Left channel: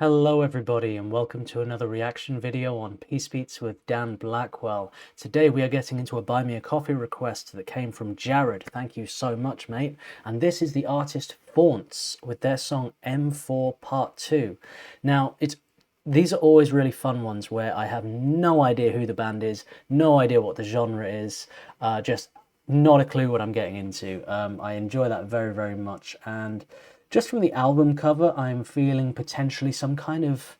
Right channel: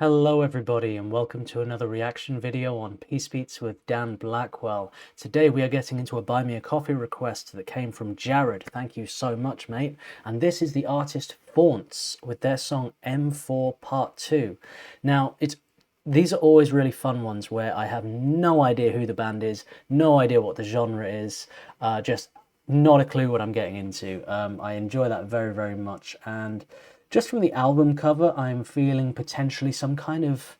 Hello everybody and welcome to another reaction video on Peace Beats with Dan Blackwell. Today we are getting into a Buy Me a Coffee request that came from Jared. Thank you so much, mate. And this is the artist Faunts with their song M4 Part 2. Now, these are always really fun ones where I have no idea who the band is, no idea what the genre is, just not a clue what I'm getting into. I enjoy that very, very much, and just from the album cover, I'm feeling potentially some kind of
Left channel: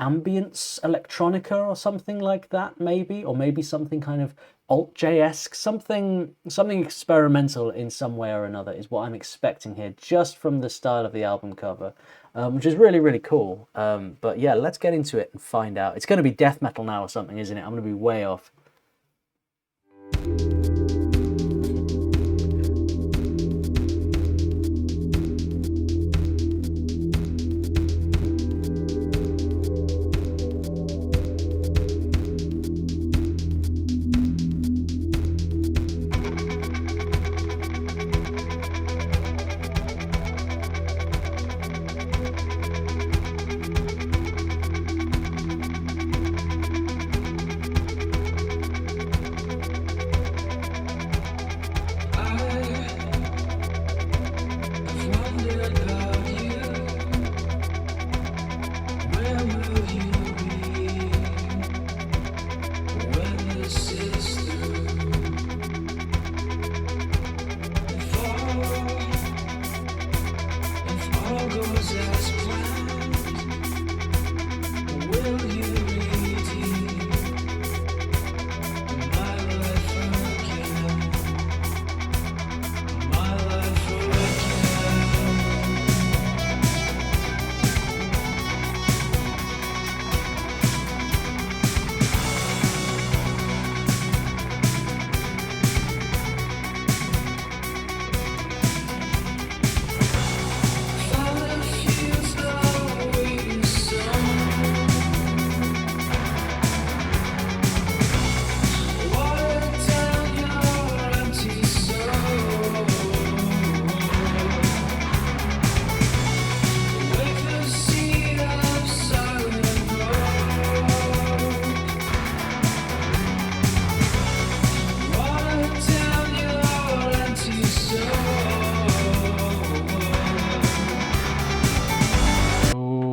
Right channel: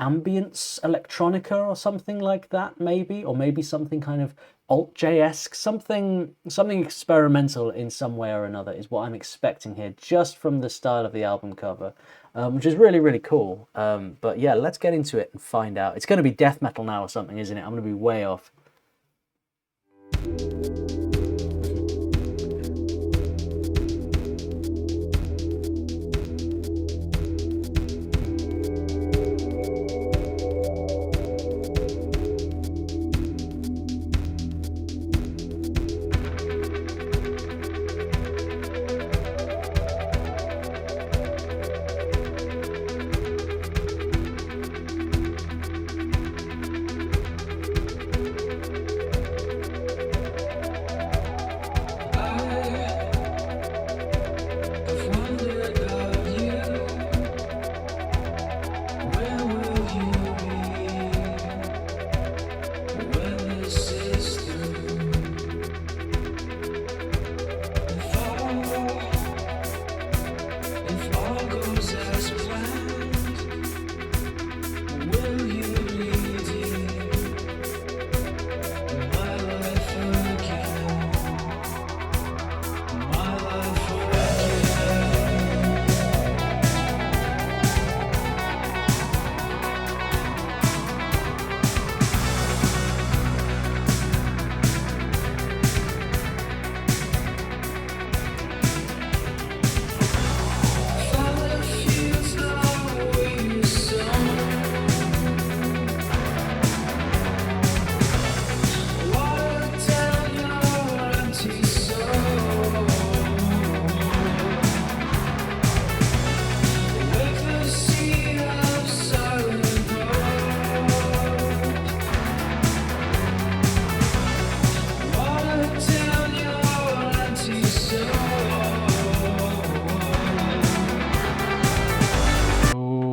ambience electronica or something like that, maybe, or maybe something kind of alt-J-esque, something experimental in some way or another is what I'm expecting here, just from the style of the album cover, which is really, really cool. But yeah, let's get into it and find out. It's going to be death metal now or something, isn't it? I'm going to be way off.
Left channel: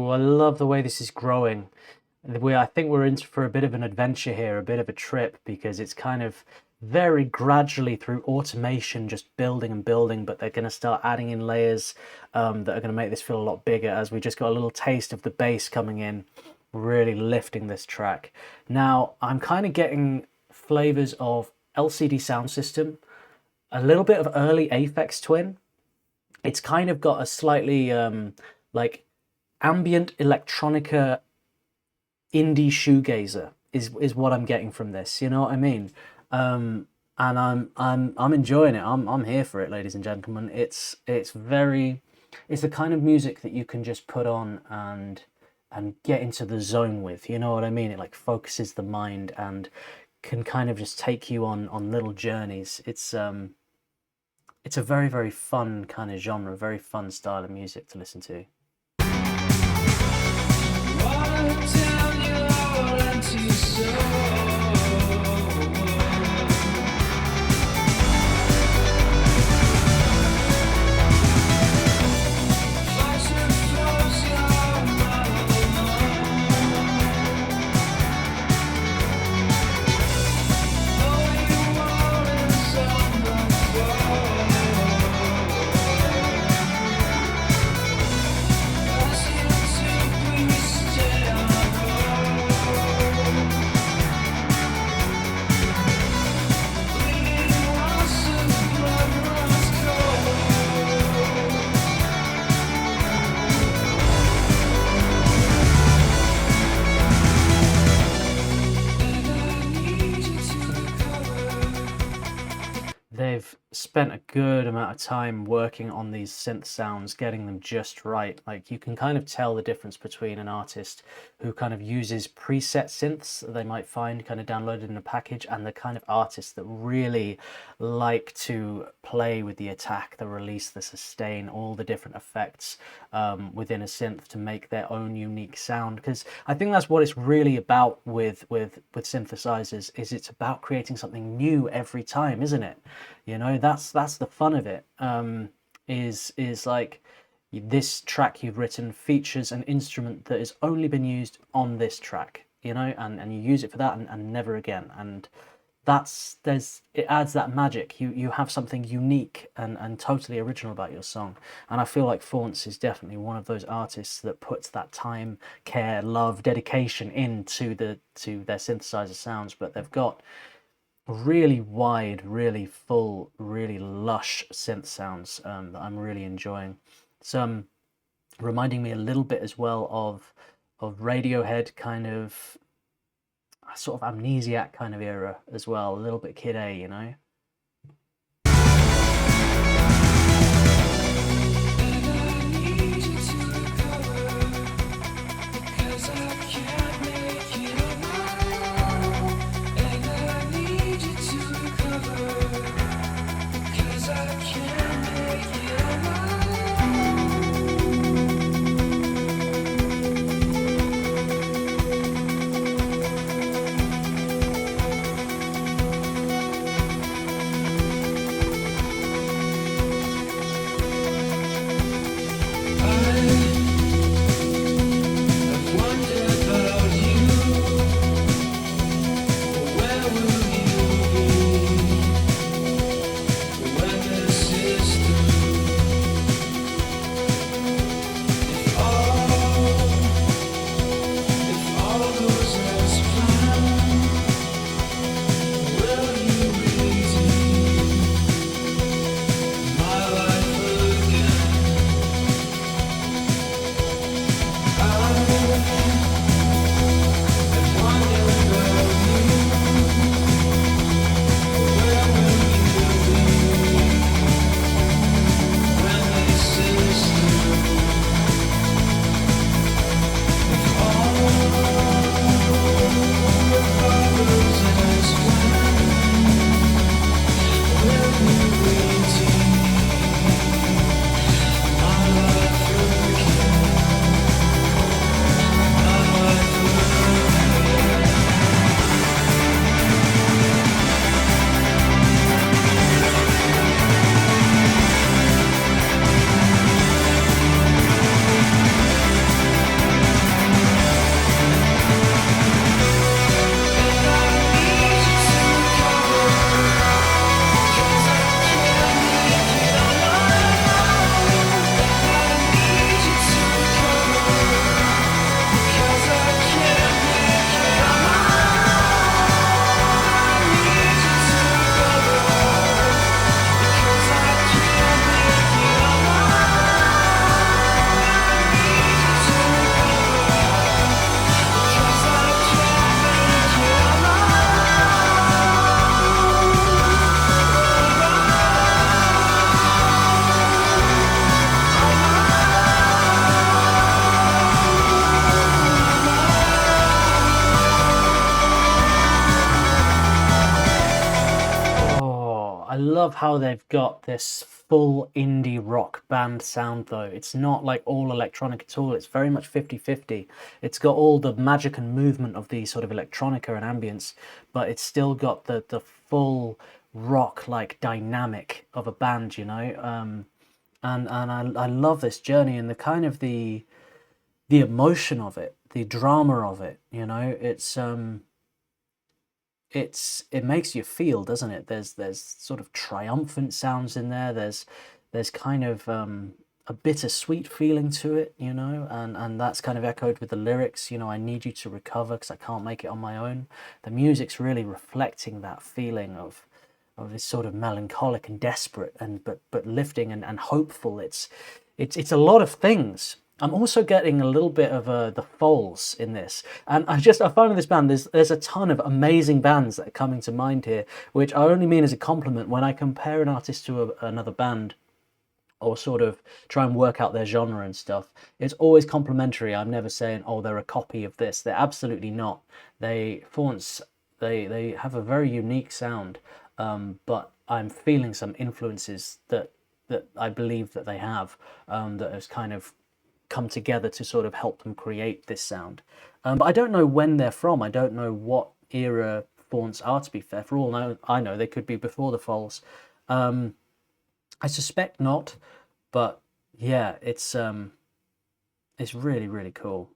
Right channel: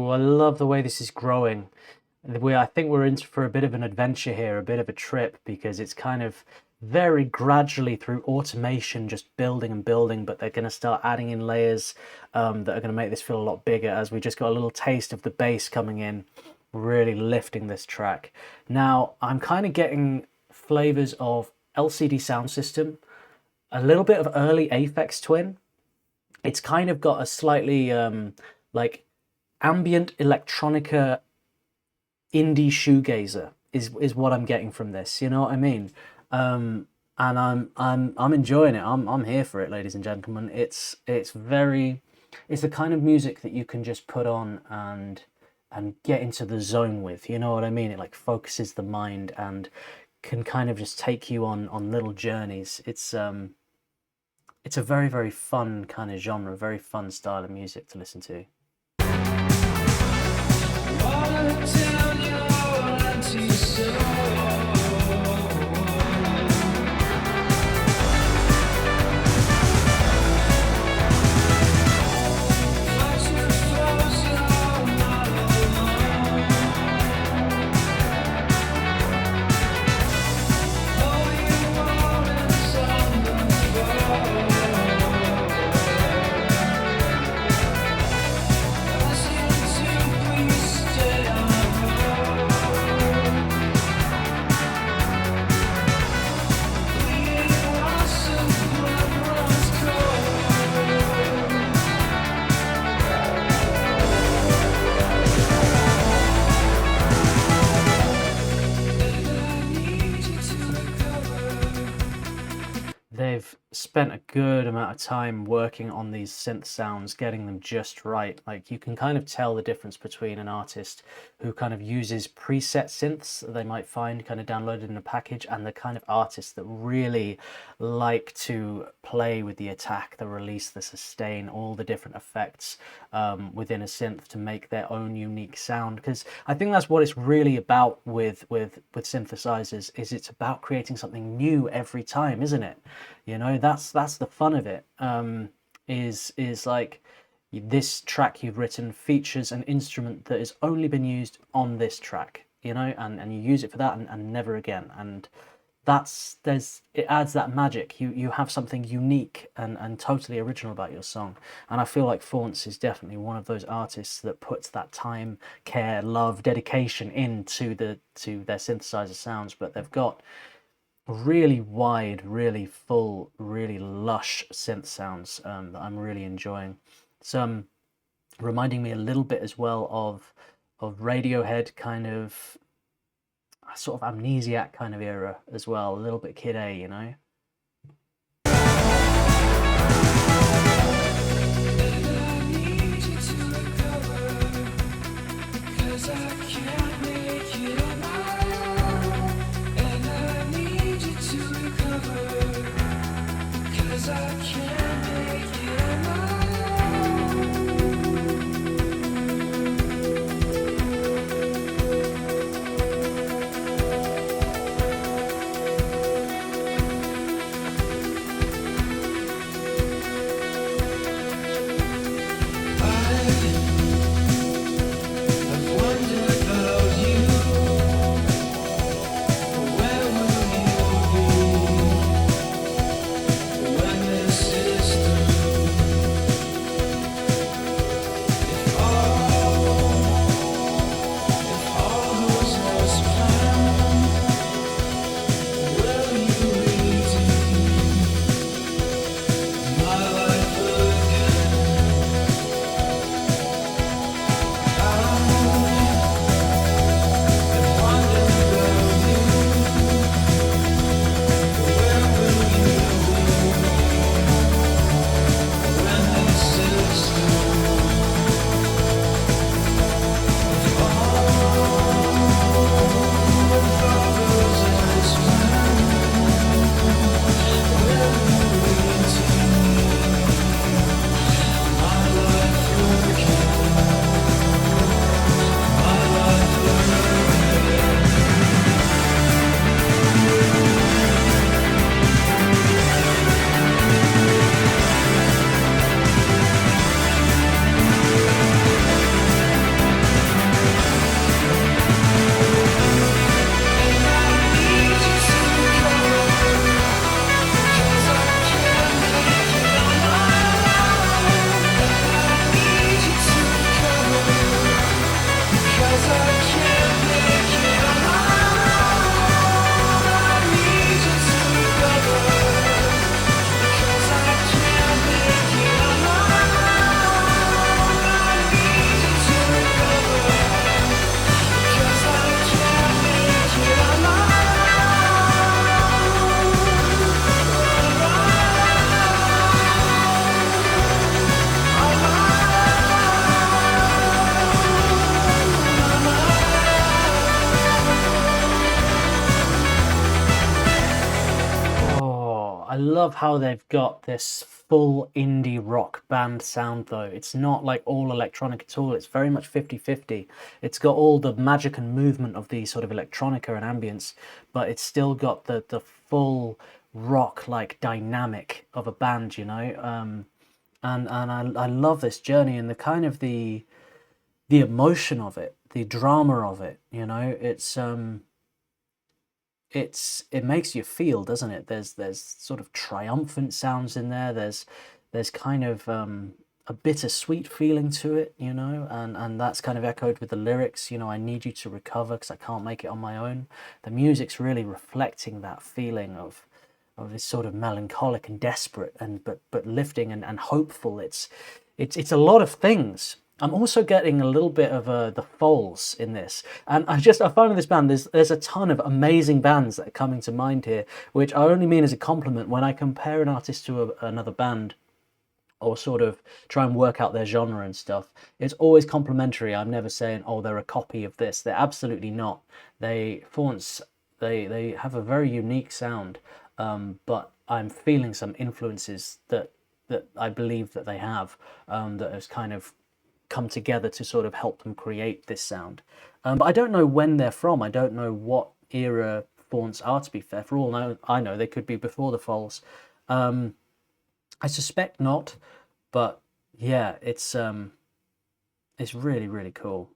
I love the way this is growing. I think we're in for a bit of an adventure here, a bit of a trip, because it's kind of very gradually through automation just building and building, but they're going to start adding in layers that are going to make this feel a lot bigger, as we just got a little taste of the bass coming in, really lifting this track. Now, I'm kind of getting flavors of LCD Sound System, a little bit of early Aphex Twin. It's kind of got a slightly like ambient electronica indie shoegazer is what I'm getting from this, you know what I mean? And I'm enjoying it. I'm here for it, ladies and gentlemen. It's the kind of music that you can just put on and get into the zone with, you know what I mean? It like focuses the mind and can kind of just take you on little journeys. It's a very, very fun kind of genre, very fun style of music to listen to. spent a good amount of time working on these synth sounds, getting them just right. Like you can kind of tell the difference between an artist who kind of uses preset synths that they might find kind of downloaded in a package, and the kind of artists that really like to play with the attack, the release, the sustain, all the different effects within a synth to make their own unique sound. Because I think that's what it's really about with synthesizers, is it's about creating something new every time, isn't it? You know, that's the fun of it. Is like this track you've written features an instrument that has only been used on this track, you know, and you use it for that and never again. And it adds that magic. You have something unique and totally original about your song. And I feel like Faunts is definitely one of those artists that puts that time, care, love, dedication into their synthesizer sounds. But they've got really wide, really full, really lush synth sounds that I'm really enjoying. It's reminding me a little bit as well of Radiohead, kind of sort of Amnesiac kind of era as well, a little bit Kid A, you know. I love how they've got this full indie rock band sound though. It's not like all electronic at all. It's very much 50-50. It's got all the magic and movement of the sort of electronica and ambience, but it's still got the full rock like dynamic of a band, you know. I love this journey and the kind of the emotion of it, the drama of it, you know. It makes you feel, doesn't it? There's sort of triumphant sounds in there. There's kind of a bittersweet feeling to it, you know, and that's kind of echoed with the lyrics. You know, I need you to recover because I can't make it on my own. The music's really reflecting that feeling of this sort of melancholic and desperate and but lifting and hopeful. It's a lot of things. I'm also getting a little bit of the Foals in this, and I find with this band there's a ton of amazing bands that are coming to mind here, which I only mean as a compliment when I compare an artist to another band, or sort of try and work out their genre and stuff. It's always complimentary. I'm never saying, oh, they're a copy of this. They're absolutely not. Faunts, they have a very unique sound, but I'm feeling some influences that I believe that they have, that has kind of come together to sort of help them create this sound. But I don't know when they're from. I don't know what era Faunts are, to be fair. For all I know, they could be before the Foals. I suspect not, but yeah, it's really, really cool.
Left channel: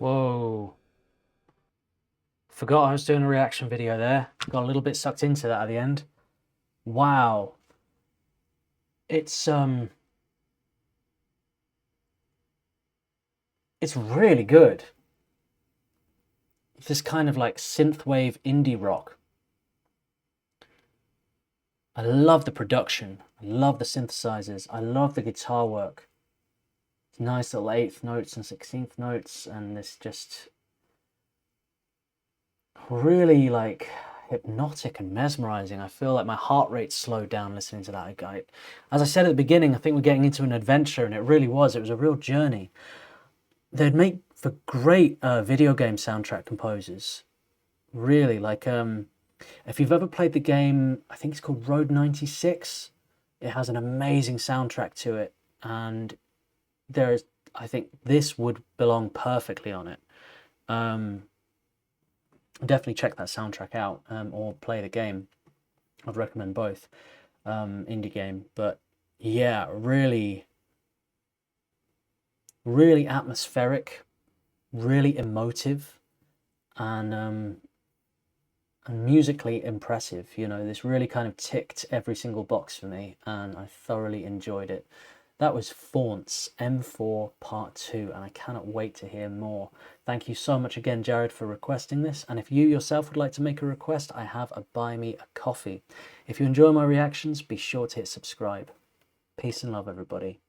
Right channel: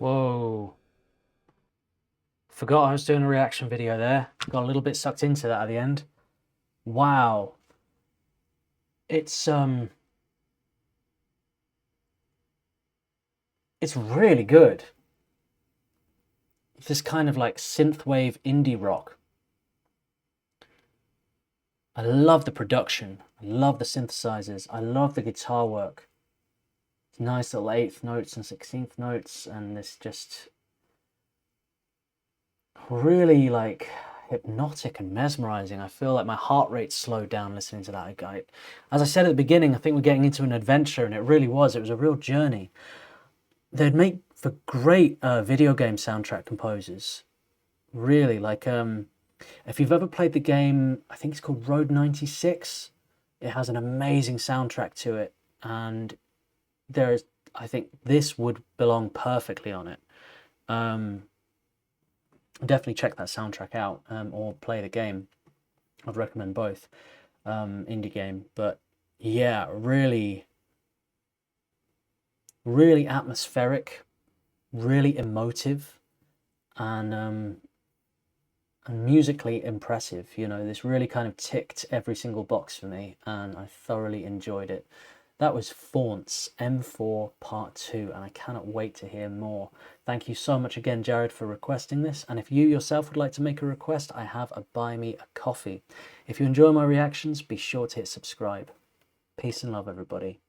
Whoa. Forgot I was doing a reaction video there. Got a little bit sucked into that at the end. Wow. It's it's really good. It's this kind of like synthwave indie rock. I love the production. I love the synthesizers. I love the guitar work. It's nice little 8th notes and 16th notes, and this just really like hypnotic and mesmerizing. I feel like my heart rate slowed down listening to that. As I said at the beginning, I think we're getting into an adventure, and it really was. It was a real journey. They'd make for great video game soundtrack composers. Really, like if you've ever played the game, I think it's called Road 96. It has an amazing soundtrack to it, and I think this would belong perfectly on it. Definitely check that soundtrack out, or play the game. I'd recommend both. Indie game, but yeah, really really atmospheric, really emotive, and musically impressive. You know, this really kind of ticked every single box for me, and I thoroughly enjoyed it. That was Faunts M4 Part 2, and I cannot wait to hear more. Thank you so much again, Jared, for requesting this. And if you yourself would like to make a request, I have a Buy Me a Coffee. If you enjoy my reactions, be sure to hit subscribe. Peace and love, everybody.